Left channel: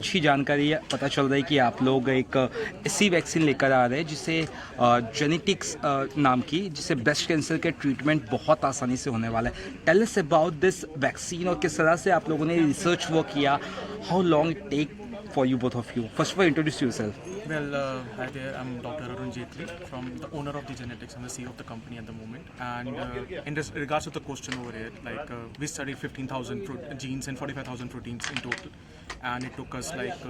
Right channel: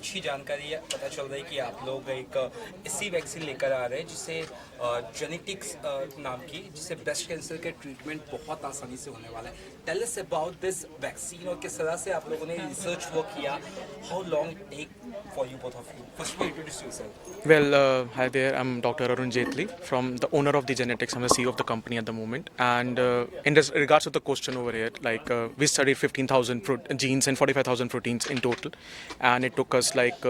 अच्छी जानकारी पता चल रही है कि आप लोग एक ऐसी वैक्सीन लेकर आ रहे हैं जिसे जेनेटिक्स नाम की, जिससे ब्रेस्ट कैंसर के ट्रीटमेंट बहुत आसानी से होने वाला है। Tell us about this vaccine और किस तरह से आप लोगों ने रिसर्च वर्क किया, how long it take for you, both of you. First of all, introduce yourself. Well, hi there. I'm Dr. Arun Jetli, from the owner of the Genetics. I'm the CEO of the company at the moment. And in regards to the question over here, like we studied 15,000 genes and 45,000 proteins in total, and it took us like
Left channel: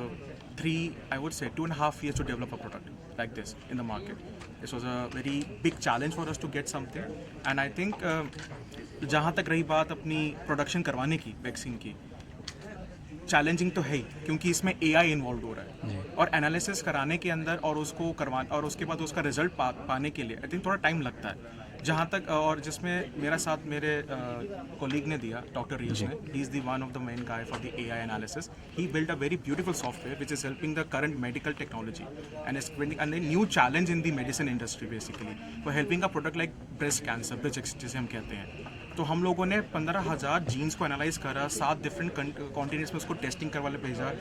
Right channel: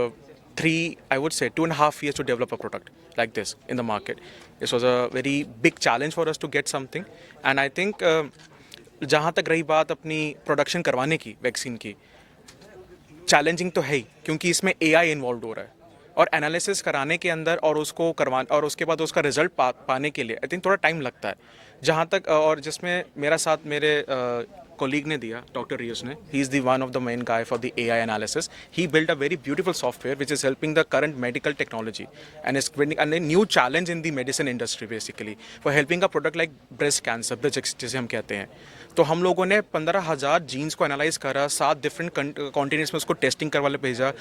I would say 2.5 years to develop a product like this in the market. This was a very big challenge for us to get something, and I think जहाँ तक रही बात अपनी production करवाने की vaccine की, challenging तो है ही, क्योंकि इसमें एआई इन्वॉल्व हो रहा है और एनालिसिस कराने के अंदर और उसको करवा और उसके बाद उसका रिजल्ट पाने के लिए आई थिंक थोड़ा टाइम लगता है। जहाँ तक और जिसमें मेरा साथ मेरे कोलीग ने दिया, डॉक्टर रियस ने, he is the one of the main guy for the AI analysis. He build a very beautiful software which is helping the current medical technology and is bringing a new challenge in the medicine industry basically for helping a product like breast cancer, जिसे हम कहते हैं। तो हम लोगों ने 15,000 jeans को analyse करा, 7 डिफरेंट कॉन्टिनेंट्स में उसको टेस्टिंग करवा भेजा,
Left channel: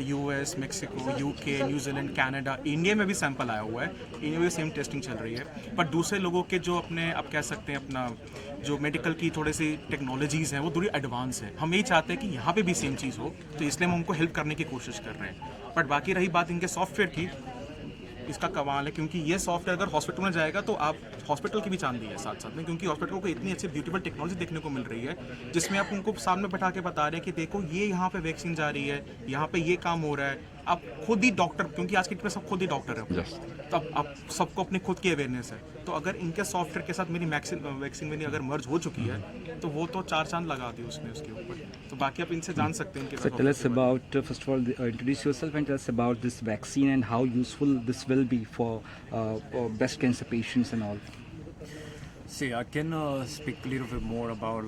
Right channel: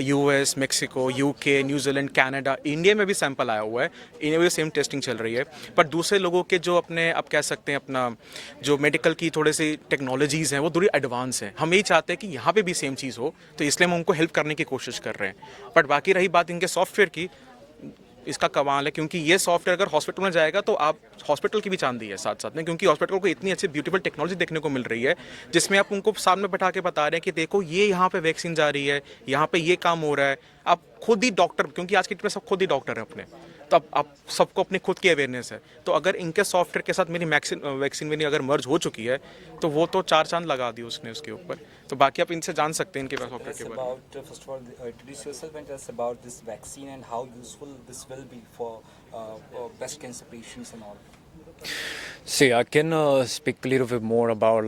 US, Mexico, UK, New Zealand, Canada, India में भी सैंपल आया हुआ है, इंडिया में सेम टेस्टिंग चल रही है। पर दूसरे लोगों के जो अपने अब कह सकते हैं अपना जो मेडिकल की थोड़ी सी टेक्नोलॉजीज़ हैं वो थोड़ी एडवांस है। हम यही चाहते हैं कि यहाँ पे भी सेम चीज़ हो, तो इसलिए हम उनको हेल्प करने की कोशिश कर रहे हैं। बट बाकी रही बात इनके सॉफ्टवेयर की, इसका कमाल है, क्योंकि ये सॉफ्टवेयर अगर हॉस्पिटल में जाएगा तो आप हॉस्पिटल की भी चांदी है साथ साथ में, क्योंकि हॉस्पिटल को इतनी अच्छी ब्यूटीफुल टेक्नोलॉजी देखने को मिल रही है जिसमें आप उनको सामने बैठा के बता रहे हैं कि देखो ये यहाँ पे वैक्सीन जा रही है, यहाँ पे ये काम हो रहा है। आप खुद ही डॉक्टर, क्योंकि आज के डेट में सब खुद ही डॉक्टर है अपने, तो आप सबको अपनी खुद की अवेयरनेस है। तो अगर इनके सॉफ्टवेयर के साथ मेरी वैक्सीन मेरी अगर मर्ज हो चुकी है तो वो तो 4 चांद लगा दी उसने उसके ऊपर। तो बाकी आप इनसे जान सकते हैं इनके So tell us about, first of all, introduce yourself and tell us about this vaccine and how useful this will be for breast cancer patients and all. See, I can speak a little bit more about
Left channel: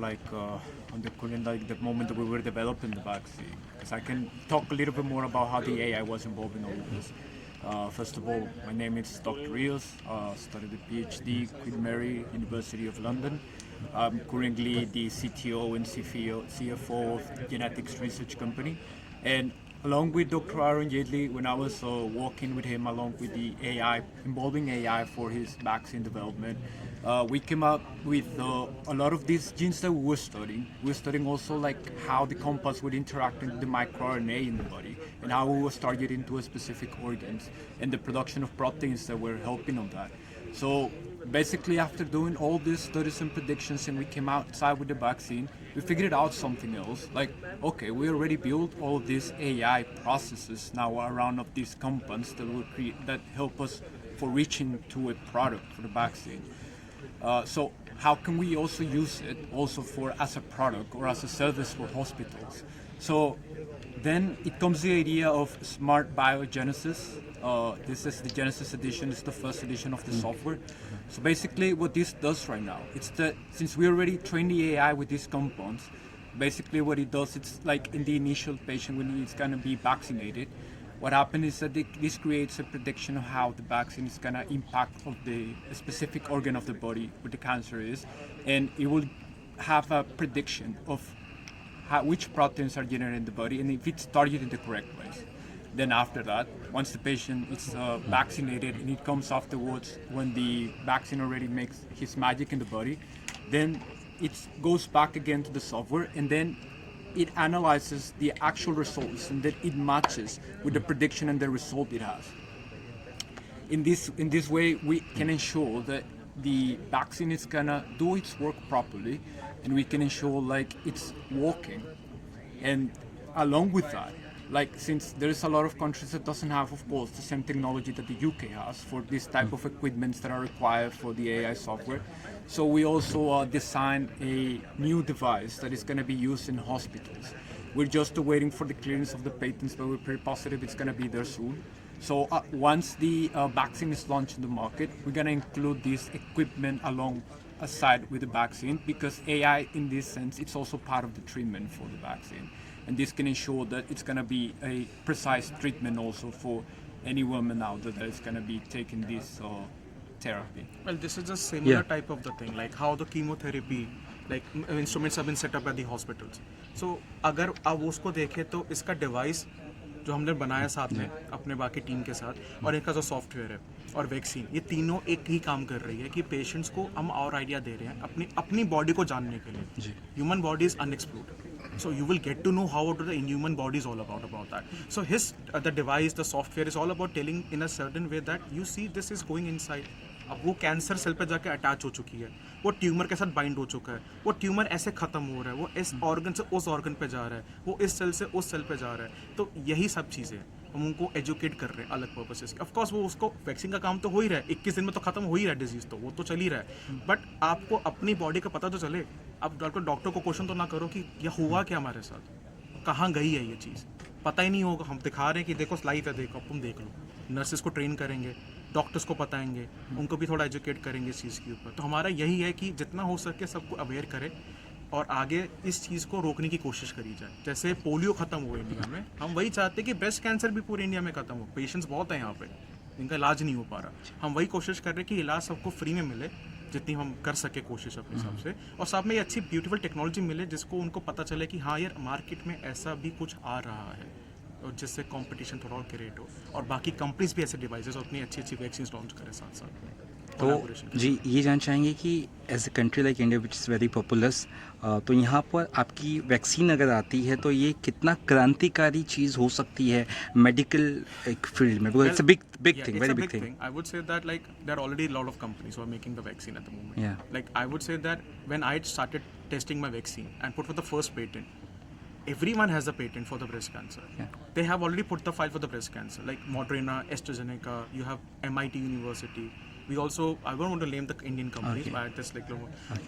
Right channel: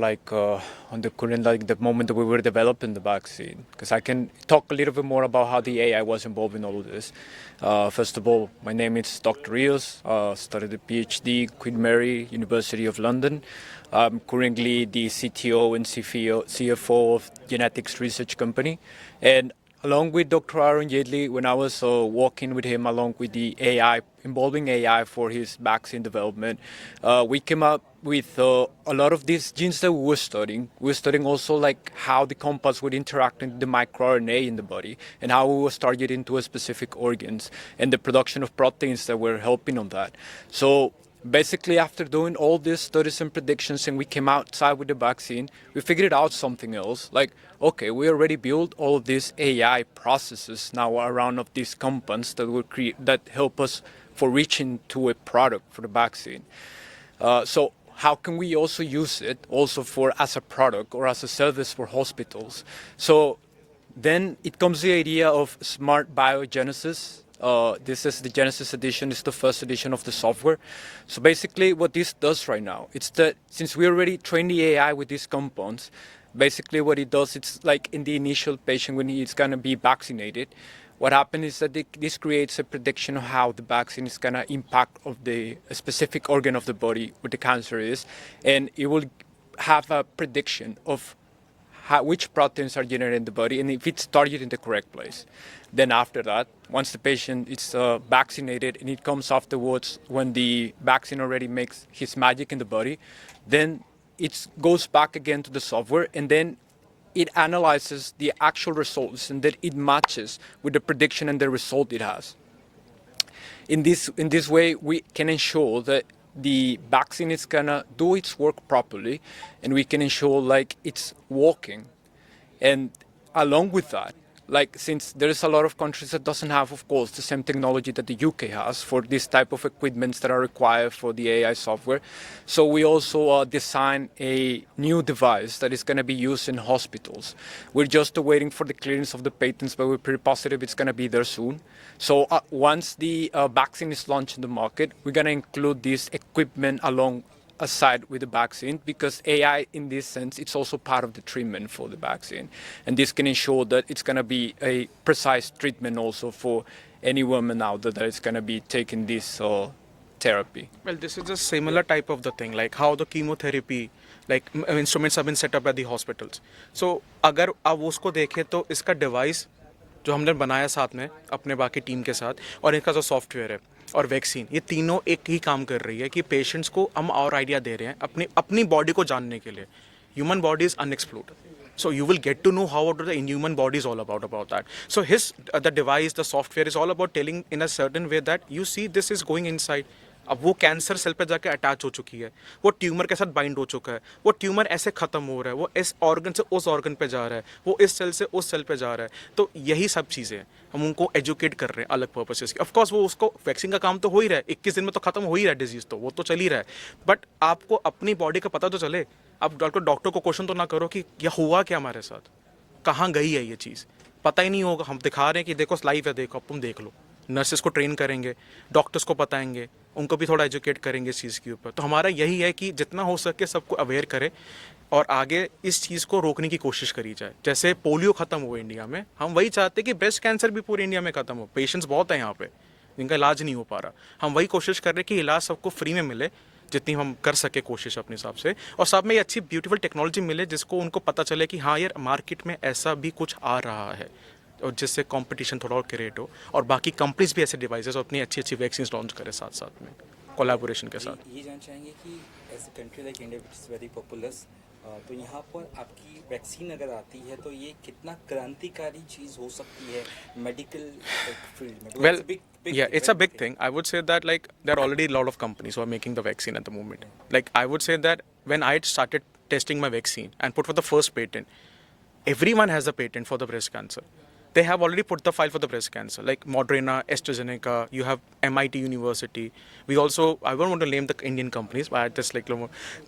on the current, like the moment that we were developing the vaccine, because I can talk a little bit more about how the AI was involved in all of this. First of all, my name is Dr. Rios. Studied a PhD, Queen Mary University of London. I'm currently the CTO and CFO of Genetics Research Company, and along with Dr. Arun Jetli, when I was working with him along with the AI, involving AI for his vaccine development, we came up with a lot of these genes that we were studying. We were studying also like how the compounds would interact with the microRNA in the body and how we was targeting to a specific organs and the production of proteins that were helping on that. So basically, after doing all these studies and predictions and we came outside with the vaccine, we figured out something else. Like, okay, we already built all of these AI processes now around of these compounds that will that help us for reaching to a product for the vaccine. So how can we also use it also for as a product or as a service for hospitals? So then it comes the idea of smart biogenesis. This is the Genesis edition. It's the first edition of the software. So basically what this does right now, it's that since we already trained the AI with these compounds, basically what it does, it's like in the initial patient when he's going to be vaccinated, what happens is that this creates a prediction of how the vaccine is going to impact of the specific organ of the body where the cancer is, and it will have a prediction of which proteins are generated in the body and if it's targeted in the correct place. Then after that, once the patient is vaccinated and it comes afterwards when the vaccine already makes his magic in the body, then it goes back again to the software and then it analyzes the actual results and then it matches with the prediction and the result it has. In this way, we can ensure that the vaccine is gonna do its work properly and we can ensure like it's working. And along with that, like since there is a lot of countries that doesn't have, of course, the same technology that the UK has for this type of equipments that are required for the AI software. So we also designed a new device that is going to be used in hospitals. We're just waiting for the clearance of the patents, but we're pretty positive it's going to be there soon. So once the vaccine is launched in the market, we're going to include this equipment along aside with the vaccine, because AI in this sense, it's also part of the treatment for the vaccine. And this can ensure that it's going to be a precise treatment also for any woman out there that is going to be taking this therapy. Well, this is a similar type of the thing, like how the chemotherapy, like instruments have been set up at the hospitals. So अगर आप उसको देखें तो इसका device जो हमने बनाया साथ में अपने बाकी टीम के साथ, और इनका जो सॉफ्टवेयर है और वैक्सीन, ये तीनों एक ही काम कर रही है कि पेशेंट्स को हम और आइडिया दे रहे हैं अपनी बॉडी को जानने के लिए. Human body is unexplored. So you will get to know how the inhuman body is all about that. So the device, the software is all about telling in a certain way that you see this is going inside. अब वो cancer cell पे जाके attach हो चुकी है, वो tumour के साथ बाइंड हो चुका है, वो ट्यूमर ऐसे खत्म हो रहा है, वो इस ऑर्गन से उस ऑर्गन पे जा रहा है, वो इस सेल से उस सेल पे जा रहा है. तो यही सब चीज़ें हैं, हम उनको एजुकेट कर रहे हैं अलग पर्पसेस की. ऑफकोर्स वो उसको वैक्सीन का काम तो हो ही रहा है, 21 दिन में तो खत्म हो ही रहा है डिजीज, तो वो तो चल ही रहा है. बट आपको अपनी बॉडी का पता तो चले. अब डॉक्टर को क्वेश्चन तो ना करो कि यह हुआ क्या हमारे साथ, कहाँ गई है ये चीज़, पता ही नहीं होगा. हम दिखा रहे हैं कि देखो लाइव है, देखो तुम देख लो. नर्सेस को ट्रेन करेंगे, डॉक्टर्स को बताएंगे, उनको भी थोड़ा एजुकेट करेंगे इस चीज़ के ऊपर. तो हमारा यही है कि जितना हो सके सबको अवेयर करें और आगे इस चीज़ को रोकने की कोशिश करी जाए. जैसे पोलियो ख़त्म हो इंडिया में, हम वही चाहते हैं कि ब्रेस्ट कैंसर भी पूरे इंडिया में ख़त्म हो. पेशेंट्स बहुत हैं यहाँ पे जिनका इलाज नहीं हो पा रहा. हम वही कोशिश कर रहे हैं कि इलाज सबको फ्री में मिले, जितनी हम कर सके कोशिश अपने हिसाब से, और साथ में ये अच्छी ब्यूटीफुल टेक्नोलॉजी मिले जिसको उनको पता चले कि हाँ यार मार्केट में ऐसा भी कुछ आ रहा है, और जिससे कंपटीशन थोड़ा और क्रिएट हो और बाकी कंपनीज भी ऐसे डिवाइसेस और अपनी अच्छी अच्छी वैक्सीन लॉन्च करें साथ साथ में कोलैबोरेशन के जी साथ. ये जानना चाहेंगे कि as a country like India which is very populous, तो यहाँ पर आपकी वैक्सीन अगर आती है तो ये कितना क्रांतिकारी चीज़ हो सकती है मेडिकल एक फील्ड में? Well, it's a big yeah, it's a big thing. I would say that like there are already a lot of companies who are making the vaccine at the moment. Yeah. Like I would say that when I started testing my vaccine and put for the first patent, everyone has a patent for the breast cancer. Yeah. They have already put the file for the breast cancer, like Moderna, AstraZeneca. You have MIT University. We also, I don't want to name the Indian companies, but I just like,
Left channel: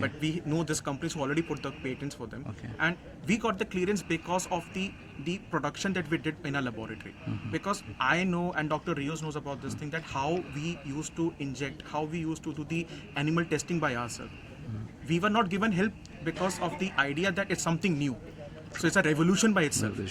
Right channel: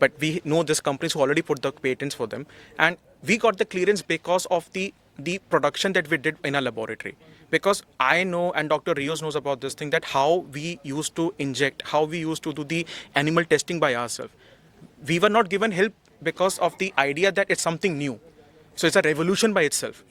but we know these companies who already put the patents for them, and we got the clearance because of the production that we did in our laboratory. Because I know, and Dr. Rios knows about this thing, that how we used to inject, how we used to do the animal testing by ourselves. We were not given help because of the idea that it's something new. So it's a revolution by itself.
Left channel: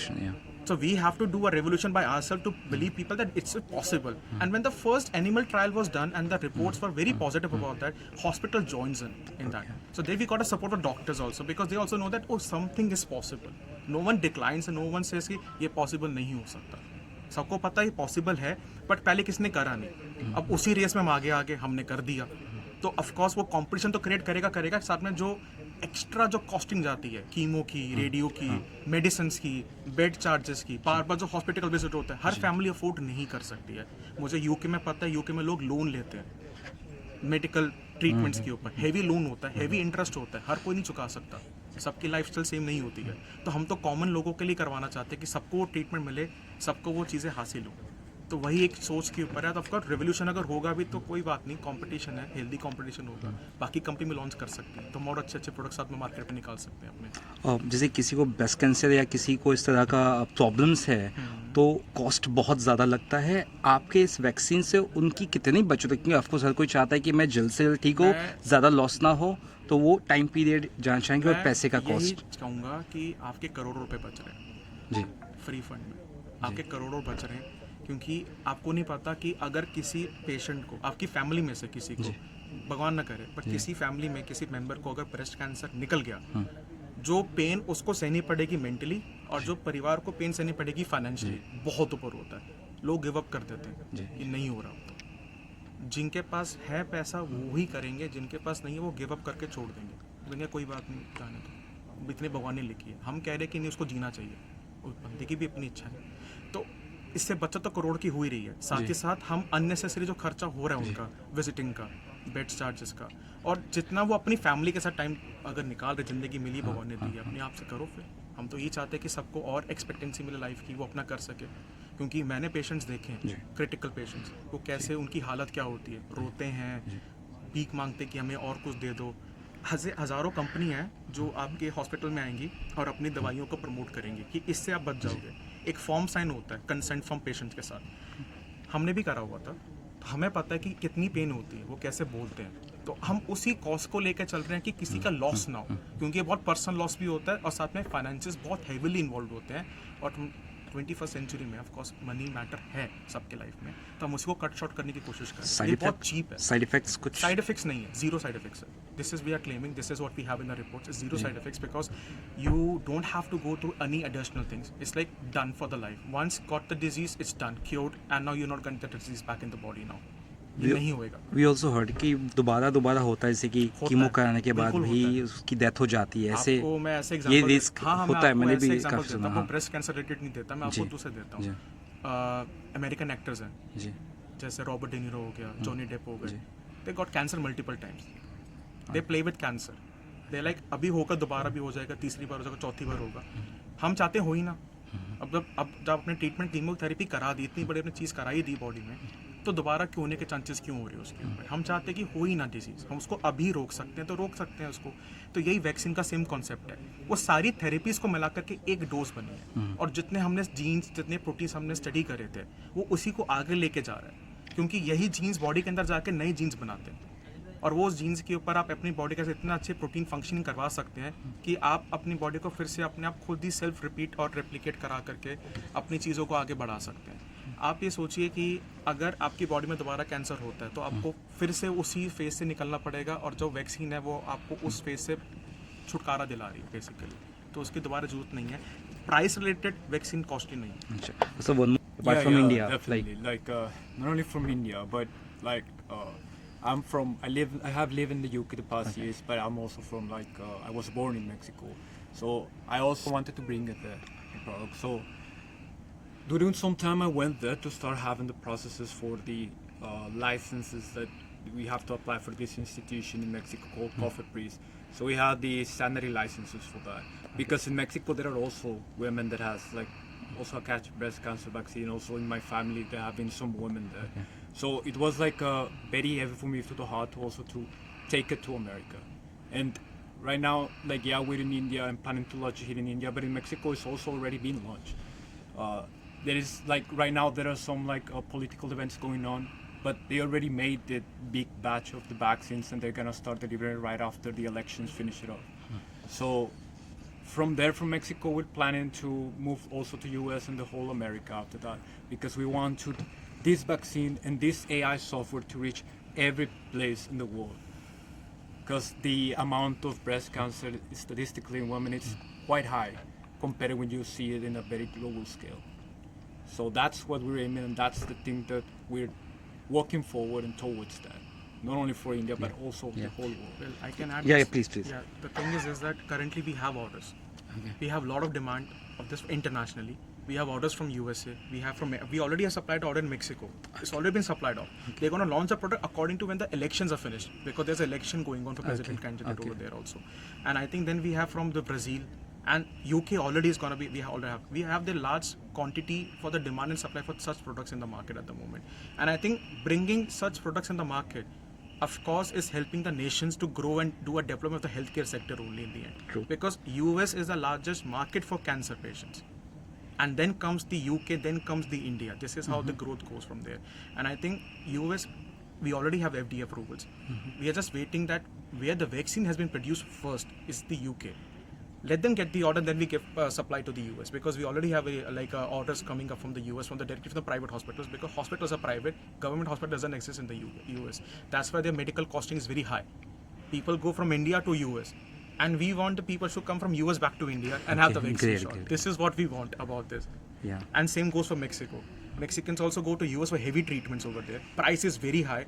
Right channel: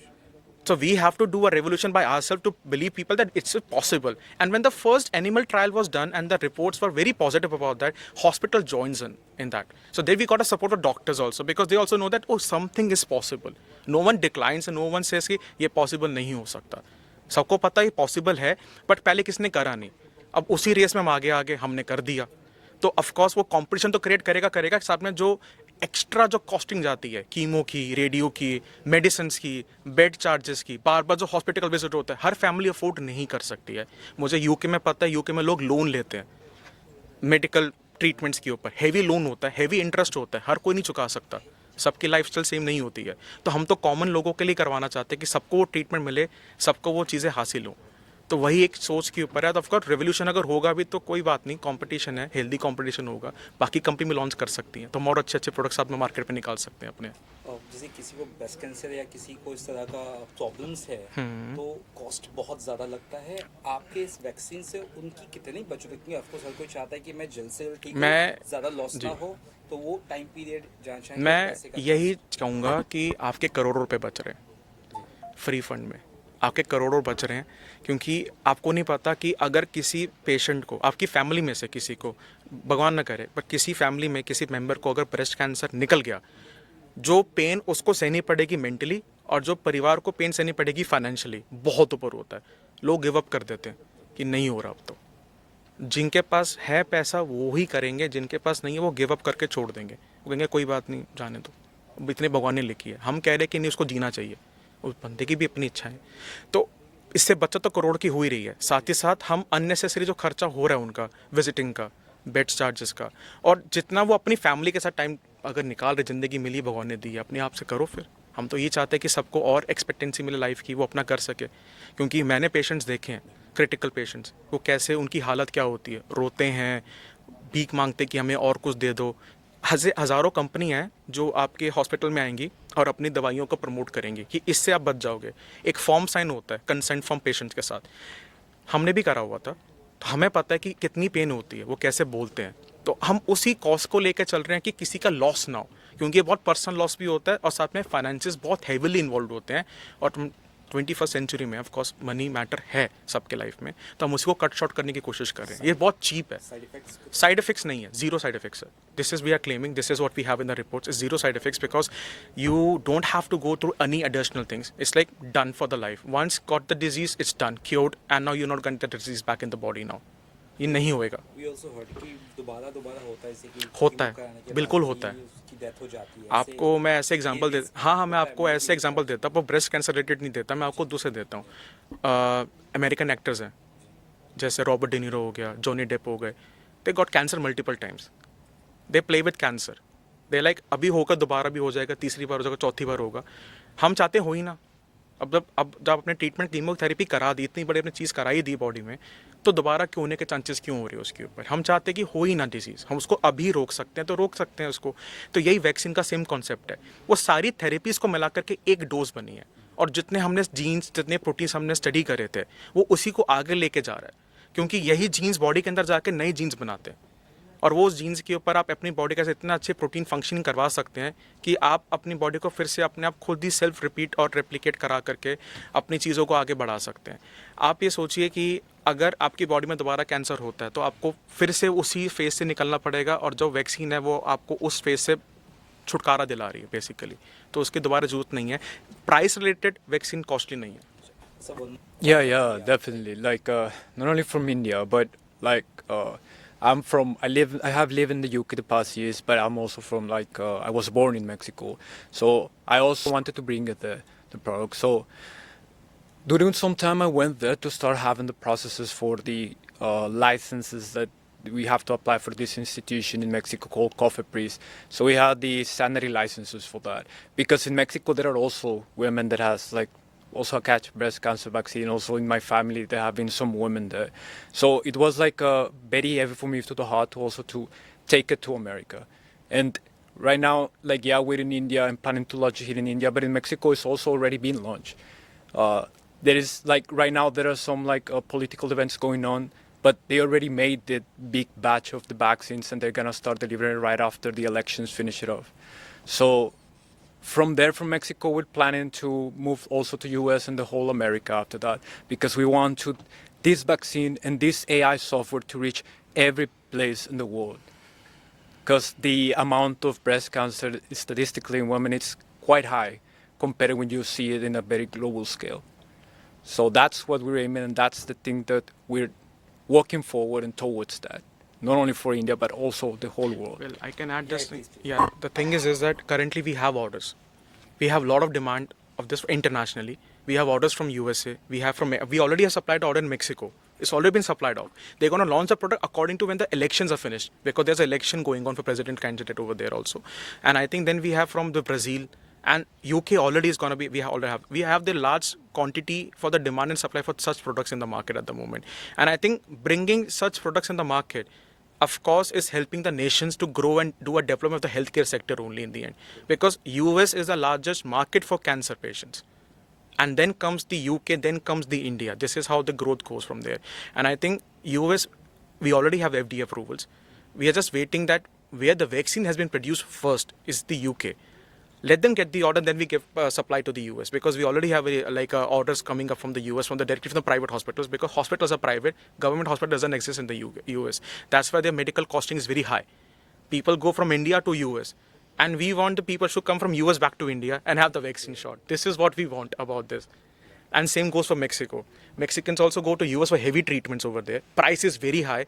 So we have to do a revolution by ourselves to believe people that it's possible. And when the first animal trial was done and the reports were very positive about that, hospital joins in that. So then we got a support of doctors also, because they also know that, oh, something is possible. No one declines and no one says कि ये possible नहीं हो सकता. सबको पता है possible है, but पहले किसने करा नहीं. अब उसी रेस में हम आगे हमने कर दिया. तो ऑफकोर्स वो कंपटीशन तो क्रिएट करेगा. साथ में जो एक्स्ट्रा जो कॉस्टिंग जाती है, कीमो की, रेडियो की, मेडिसिन की, बेड चार्जेस की, बार बार जो हॉस्पिटल विजिट होता है, हर फैमिली अफोर्ड नहीं कर सकती है. मुझे यूके में पता है, यूके में लोग लोन लेते हैं मेडिकल ट्रीटमेंट्स के ऊपर. हैवी लोन होता है, हैवी इंटरेस्ट होता है, हर कोई नहीं चुका सकता. सबकी लाइफस्टाइल सेम नहीं होती है. तो हम तो कॉमन लोगों के लिए करवाना चाहते हैं कि सबको वो ट्रीटमेंट मिले, सबको वो चीज़ें हासिल हो. तो वही एक सोच के ऊपर है. तो ऑफकोर्स रेवोल्यूशन अगर होगा भी तो कोई बात नहीं, कंपटीशन है, हेल्दी कंपटीशन होगा, बाकी कंपनी में लॉन्च कर सकती हैं, तो और अच्छे प्रोडक्ट्स आप में मार्केट में निकाल सकते हैं अपने. जैसे किसी को ब्रेस्ट कैंसर या किसी को इस तरह का प्रॉब्लम्स है तो कॉस्ट बहुत ज़्यादा लगता है. आपके इस वैक्सीन से उनकी कितनी बचत है? क्योंकि ऑफकोर्स हर कोई चाहता है कि मैं जल्द से जल्द ठीक हो, ज़्यादा लॉस ना हो, तो वो टाइम पीरियड जानना चाहेंगे और पैसे का यही कॉस्ट. कहूँगा कि आपके करोड़ों रुपए बच रहे हैं जी फ्री फंड में, आपके करोड़ों बच रहे हैं. क्योंकि आपको नहीं पता कि अगर किसी पेशेंट को, आपकी फैमिली में से किसी को, भगवान ना करे, पर किसी फैमिली में किसी मेंबर को अगर ब्रेस्ट कैंसर निकल गया, जो पेन उसको सहनी पड़ेगी मेंटली, और जो परिवार को पेन सहनी पड़ेगी फाइनेंशियली, बहुत ऊपर होता है. लोग गिव अप कर देते हैं कि नहीं हो रहा अब तो. जिनके पास है पैसा वो ही करेंगे, जिनके पास नहीं है वो गिव अप करके छोड़ देंगे. वो कहेंगे कोई बात नहीं, जाने दो, इतने भगवान ने लिखी है. हम कह रहे हैं कि नहीं, उसको जीना चाहिए, उस बंदे की भी अपनी इच्छा है. तो इससे बचत तो करोड़ की हो ही रही है. साथ ही साथ हम अननेसेसरी जो खर्चा हो रहा है उनका, विजिटिंग का, बेड चार्जेस का, और जितना वो अपनी फैमिली के साथ टाइम अगर निकाल रहे, ज़िंदगी मिली भगवान ने दी, अपने आप से करो. फिर हम तो ये चाहते हैं कि सबको और एक्सपेक्टेंसी मिले लाइफ की, वो अपना कर सके. क्योंकि मैंने पेशेंट्स देखे हैं, क्रिटिकल पेशेंट्स, वो कैसे उनकी हालत क्या होती है, रोते हैं, भीख मांगते कि हमें और कुछ दे दो. हज़ारों कंपनी हैं जो आपके हॉस्पिटल में आएंगी और अपनी दवाइयों को प्रमोट करेंगी कि इससे आप बच जाओगे. एक फॉर्म साइन होता है कंसेंट फॉर्म पेशेंट के साथ, हमने भी करा हुआ था, तो हमें पता है कि कितनी पेन होती है, वो कैसे बोलते हैं. तो हम उसी कॉज को लेकर चल रहे हैं कि किसी का लॉस ना हो, क्योंकि ये बहुत पर्सनल लॉस भी होता है और साथ में फाइनेंसेस बहुत हैवीली इन्वॉल्व होते हैं. और 21st सेंचुरी में ऑफ कोर्स मनी मैटर है सबके लाइफ में, तो हम उसको कट शॉर्ट करने की कोशिश कर रहे हैं. Side ये बहुत effect- चीप है. साइड इफेक्ट्स कुछ साइड इफेक्ट्स नहीं है, जीरो साइड इफेक्ट्स है. This is we are claiming, this is what we have in the reports, is zero side effects because you don't have to go through any additional things. It's like done for the life. Once got the disease it's done, cured, and now you not get the disease back in the body. Now ये नहीं होएगा. We also heard कि दोबारा होता है, जैसे कि होता कीमो है, कराने के बाद बिल्कुल होता भी है. उसकी डेथ हो जाती है. ऐसे आपको मैं ऐसे एग्जांपल ये देता risk हाँ मैं होता है, आपको मैंने ऐसे भी एग्जांपल काफी देता सुना, हूँ. हाँ. ब्रेस्ट कैंसर रिलेटेड नहीं देता, मैं आपको जी. दूसरे देता हूँ. जी. अमेरिकन एक्टर्स हैं जी जैसे रॉबर्ट डिनीरो हो गया, जॉनी डेप हो गए. They got cancer multiple times. They play with cancer. They like अभी होगा, दोबारा भी हो जाएगा, तीसरी बार हो जाएगा, चौथी बार होगा. हम चाहते हो ही ना. अब जब अपने ट्रीटमेंट कीमोथेरेपी करा दी, इतनी बड़ी अपनी चीज़ कराई दी बॉडी में, तो दोबारा क्यों होने के चांसेस क्यों हो रहे हैं उसके ऊपर. हम चाहते हैं कि हो ही ना डिजीज़. हम उसको अभी रोक सकते हैं तो रोक सकते हैं उसको. तो यही वैक्सीन का सेम कॉन्सेप्ट है. वो सारी थेरेपीज़ को मिला करके एक डोज बनी है, और जितने हमने जीन्स, जितने प्रोटीन्स हमने स्टडी करे थे, वो उसी को आगे लेके जा रहा है. क्योंकि यही जीन्स बॉडी के अंदर जाके नई जीन्स बनाते हैं, और वो जीन्स के ऊपर आप अपनी बॉडी का इतना अच्छे प्रोटीन फंक्शनिंग करवा सकते हैं कि आप अपनी बॉडी को फिर से अपने आप खुद ही सेल्फ रिपीट और रेप्लिकेट करा करके अपनी चीज़ों को आगे बढ़ा सकते हैं. आप ये सोचिए कि अगर आपकी बॉडी में दोबारा कैंसर होता है तो आपको फिर से उसी फेज से निकलना पड़ेगा, और जो वैक्सीन है वो आपको उस फेज से छुटकारा दिला रही है बेसिकली. तो उसकी दोबारा जरूरत नहीं है. प्राइस रिलेटेड वैक्सीन कॉस्टली नहीं है. अच्छा. So one more Yeah, from yeah, India, definitely. Like, not only from India, but like I have lived in the UK the past years, but I'm also from I was born in Mexico, so I also wanted to bring the product. So during some time I went there to start having the processes for the licenses that we have to apply for this institution in Mexico called COFEPRIS. So we had the sanitary licenses for that, because in Mexico there are also women that has also catch breast cancer vaccine. Also in my family there have been some women there. So it was very heavy for me to the heart also to take it to America. And right now, we're in India and planning to launch it here in India, but in Mexico it's also already been launched. There is right now there are some political events going on, but they already made the big batch of the vaccines and they're gonna start delivering right after the elections finish it off. So from Mexico, we're planning to move also to US and the whole America after that, because we want this vaccine and this AI software to reach every place in the world. Because the amount of breast cancer statistically in women is quite high compared when you see it in a very global scale. So that's what we're aiming, and that's the thing that we're working forward and towards that. Not only for India, but also the whole world. Well, I can add Yeah, this. yeah, please. Yeah, the thing is that currently we have orders. We have a lot of demand of this internationally. We have orders from USA. We already have supplied order in Mexico. It's already been supplied out. They're going to launch the product according to when the elections are finished, because there's an election going on for president candidate over there also. And I think then we have from the Brazil, and UK already is going to be, we have the large quantity for the demand and supply for such products in the market at the moment. And I think bringing such products in the market, of course, is helping the nations to grow and do a development of the healthcare sector only in the end. True. Because US is the largest market for cancer patients. And then comes the UK, then comes the India. This is how the growth goes from there. And I think US, we already have FDA approvals. We are just waiting that where the vaccine has been produced first is the UK. Let them get the order, then we give supply to the US, because we already have orders coming up from the US, directly from the private hospitals, because hospitals are private, government hospital doesn't exist in the US. That's why their medical costing is very high. People go from India to US, and we want the people to come from US back to India and have the vaccine shot. Great. This is what we want about this. Yeah. And same goes for Mexico. Mexicans also go to US for heavy treatments over there. Price is very high.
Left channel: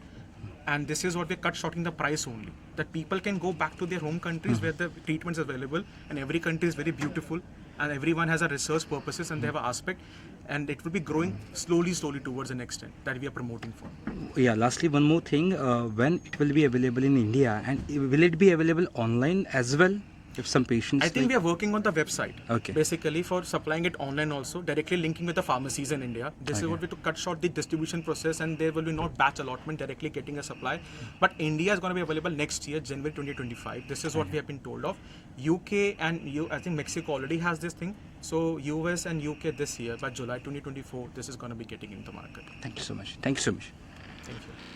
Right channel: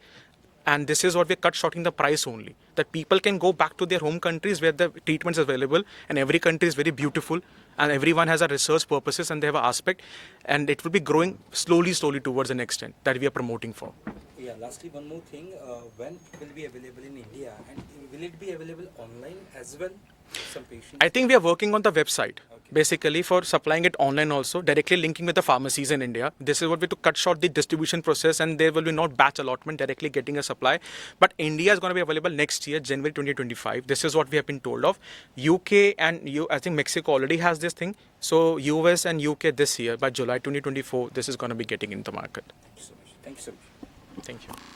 And this is what we're cut shorting the price only. That people can go back to their home countries where the treatment is available, and every country is very beautiful, and everyone has a research purposes and they have an aspect, and it will be growing slowly towards the next end that we are promoting for. Yeah, lastly, one more thing. When it will be available in India, and will it be available online as well? If some patients... I think we are working on the website. Okay. Basically for supplying it online also, directly linking with the pharmacies in India. This is what we to cut short the distribution process, and there will be not batch allotment, directly getting a supply. But India is going to be available next year, January 2025. This is what we have been told of. UK and I think Mexico already has this thing. So US and UK this year, by July 2024, this is going to be getting into the market. Thank you so much. Thank you so much. Thank you.